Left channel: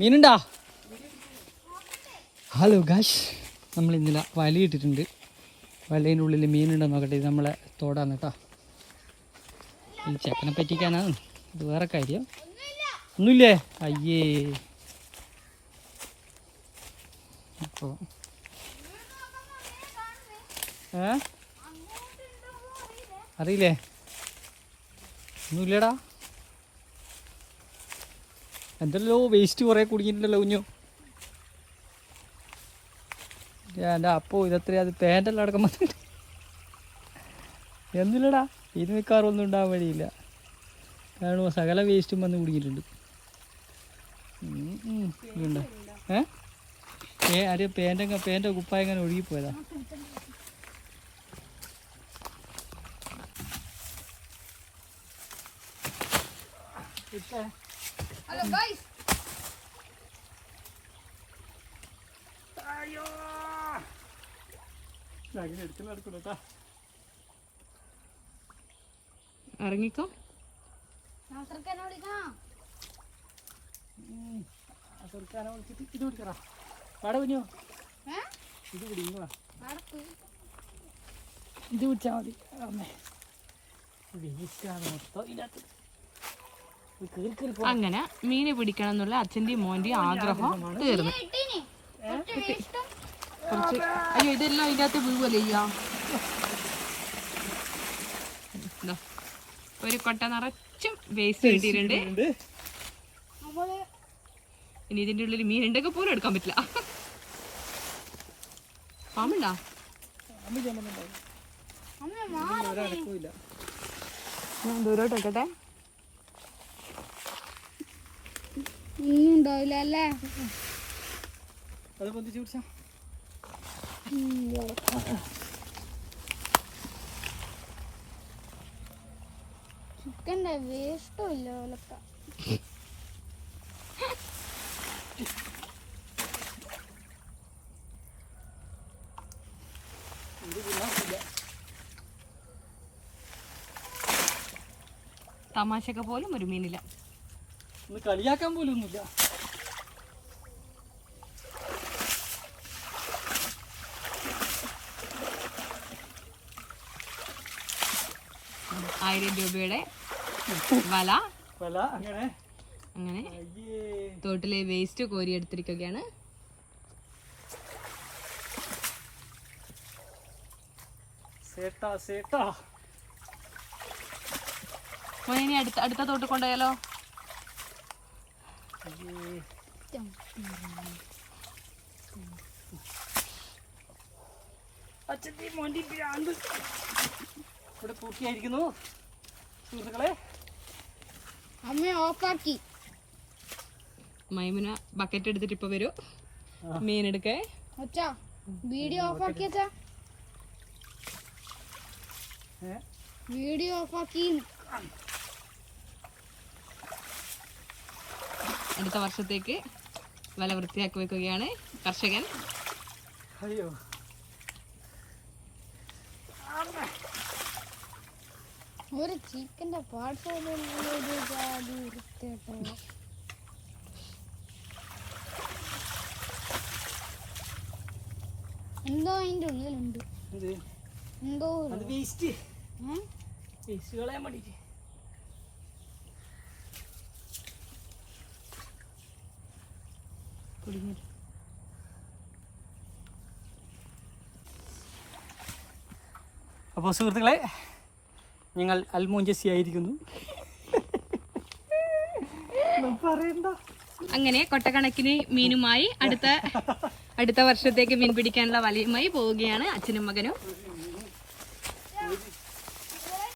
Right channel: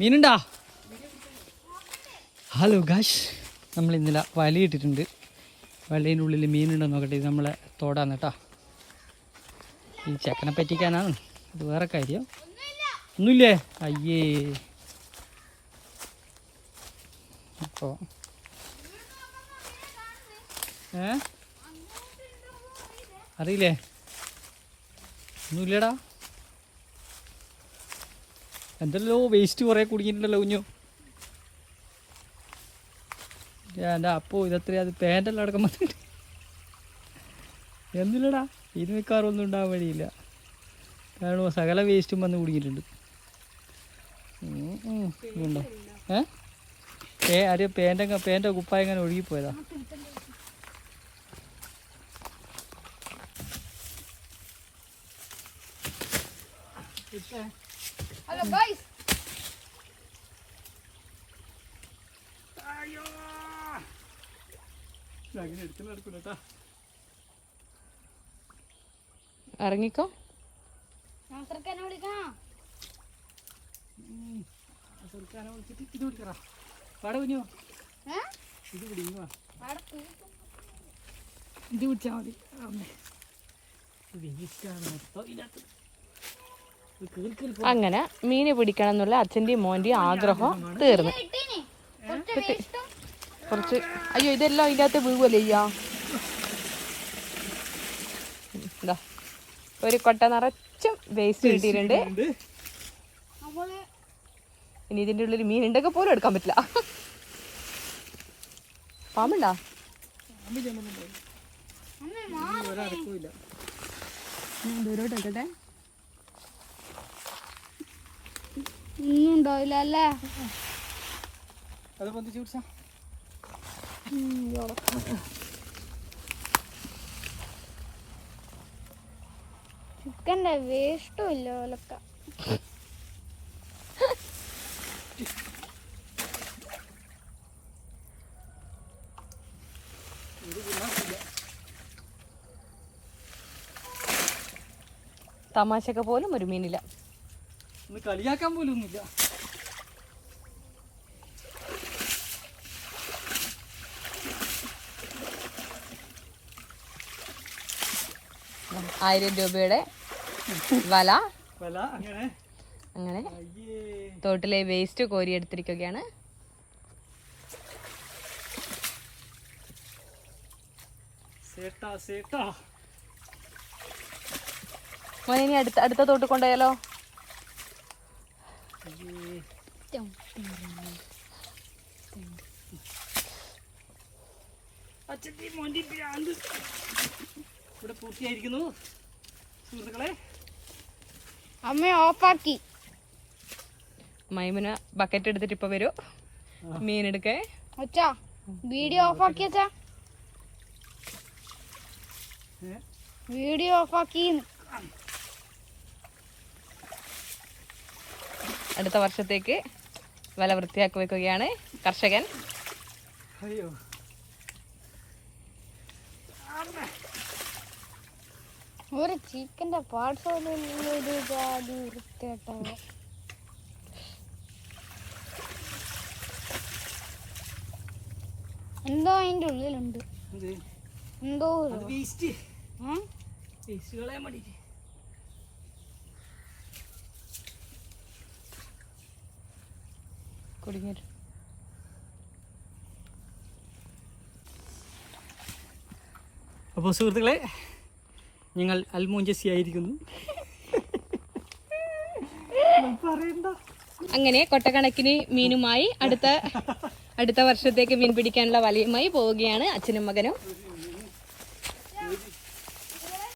മീനുണ്ടാ? Hello gosh നമ്മൾ ഇന്നലെ വലയിട്ടിട്ടുണ്ട് വലയിന്റെ ഉള്ളിൽ മീനുണ്ടോ നോക്കട്ടെ. ഇത് നമ്മളെ തോടാന്ന് കേട്ടോ. ഈ ചെക്കനെ പറ്റിക്കാനാണ്. ഇത് വേറെ കാര്യം. ഒന്നുമില്ലേ? അയ്യേ. അപ്പോൾ ഏ? അറിയില്ലേ? ഒന്നുമില്ലടാ. എന്തല്ലോ വേസ്റ്റ് കുറേ കുടുങ്ങിയിട്ടുണ്ടല്ലോ കുഞ്ഞു. എന്റെ അപ്പോ ഇതത്ര അത് പാന്റെല്ലാം അടക്കം വന്നിട്ട്. എന്നില്ലടാ ഇത് മിക്കാറൊന്നും ഉണ്ടാകാൻ വഴിയില്ല. കാരണം സകല വേസ്റ്റും വന്ന് ഉം. ഏ? അറിയ പേന്റെ പേന്റെ കുപ്പായ എങ്ങനെ ഒഴുകിപ്പോയതാ. ഹലോ ഗൈസ് അയ്യോ. അങ്ങനെ എടുക്കുന്ന നടക്കൂല കേട്ടാ ഇറങ്ങിക്കോ. സുൽത്താനെ വിളിച്ചിട്ട് ഇത് വിളിക്കറാ പാടെ കുഞ്ഞു. ഇത് പിടി ഇങ്ങ് വാ. അവിടെ പോയി. ഇത് പിടിച്ചാൽ മതി. വേസ്റ്റാണ് മൊത്തം ഇതിനകത്ത്. അങ്ങനെ മീന് പിടിക്കണം എന്നുള്ള അച്ഛന്റെയും മോന്റെയും ആഗ്രഹം തീർന്നു. കുറച്ച് കുറച്ച് അയ്യോ ഇതെല്ലാം അതിന്റെ അകത്ത് വീഴുവല്ലേ ചെയ്യാ എന്താ ഒരു കൊട്ട നിറച്ചും വേസ്റ്റ് കിട്ടിയിട്ടുണ്ട്. ഇനി ഇതിന്റെ ഉള്ളിൽ മീൻ ഉണ്ടൊക്കെ പോലും എടുക്കാൻ പറ്റില്ല. പാമ്പുണ്ടാ. ദൂരോട്ട് വെക്കട്ടെ. ഒന്നും ഉണ്ടാവില്ല അല്ലേ അത് പൊന്തിച്ച് പിടിച്ചാ ചിക്കന്റെ വേസ്റ്റും ഇല്ല ഓലക്ക തമാശക്ക് പോലും ഒരു മീനില്ല. ഒന്ന് കളിയാക്കാൻ പോലും ഒന്നുമില്ല. ആയിരം രൂപയുടെ വല. വല അങ്ങനെ. അങ്ങനെ. തോട്ടിലെ വേസ്റ്റ് കോരിയെടുത്തിരിക്കുകയാണ്. മോനെ ഇനി അടുത്ത അടുത്ത തോട്ട് കൊണ്ടുപോയാലോ അയ്യേ അച്ഛന്റെ മോന്റെ ഭ്രാന്ത് ഇവിടെ പൂർത്തിയായിരിക്കുന്നു സുഹൃത്തുക്കളെ. അമ്മ ഓഫാക്കി. മൈമുന ബക്കറ്റ് എടുത്തിട്ട് ഇപ്പൊ വരൂ. മീൻ എടുക്കേ. അച്ഛാ വീഡിയോ ഓഫാക്കി അച്ഛാ? വീഡിയോ ഓഫാക്കി. അടുത്ത വർഷത്തേക്ക് വില വൃത്തിയാക്കി വെക്കുകയാണ്. കർഷകൻ. അയ്യോ. ഒരു ചിക്കന്റെ പാർട്സ് വൃത്തിയായിട്ടുള്ള എന്തോ അതിന്റെ ഉള്ളിലുണ്ട്. എന്തോ? അത് വേസ്റ്റ്? വേസ്റ്റ് കളയാൻ വേണ്ടിയിട്ട് കുടുങ്ങിയിട്ട് അപ്പോൾ സുഹൃത്തുക്കളെ ഞങ്ങൾ അൽമോഞ്ചസി ആയിരിക്കുന്നു. പറയണ്ട. അങ്ങനെ കൊട്ടക്കണക്കിന് മീനുമായി അടുത്ത അടുത്ത വർഷത്തേക്ക് മീൻ പിടിക്കാനുള്ള വലയുമായി പോവുകയാണ് അച്ഛനും മകനും.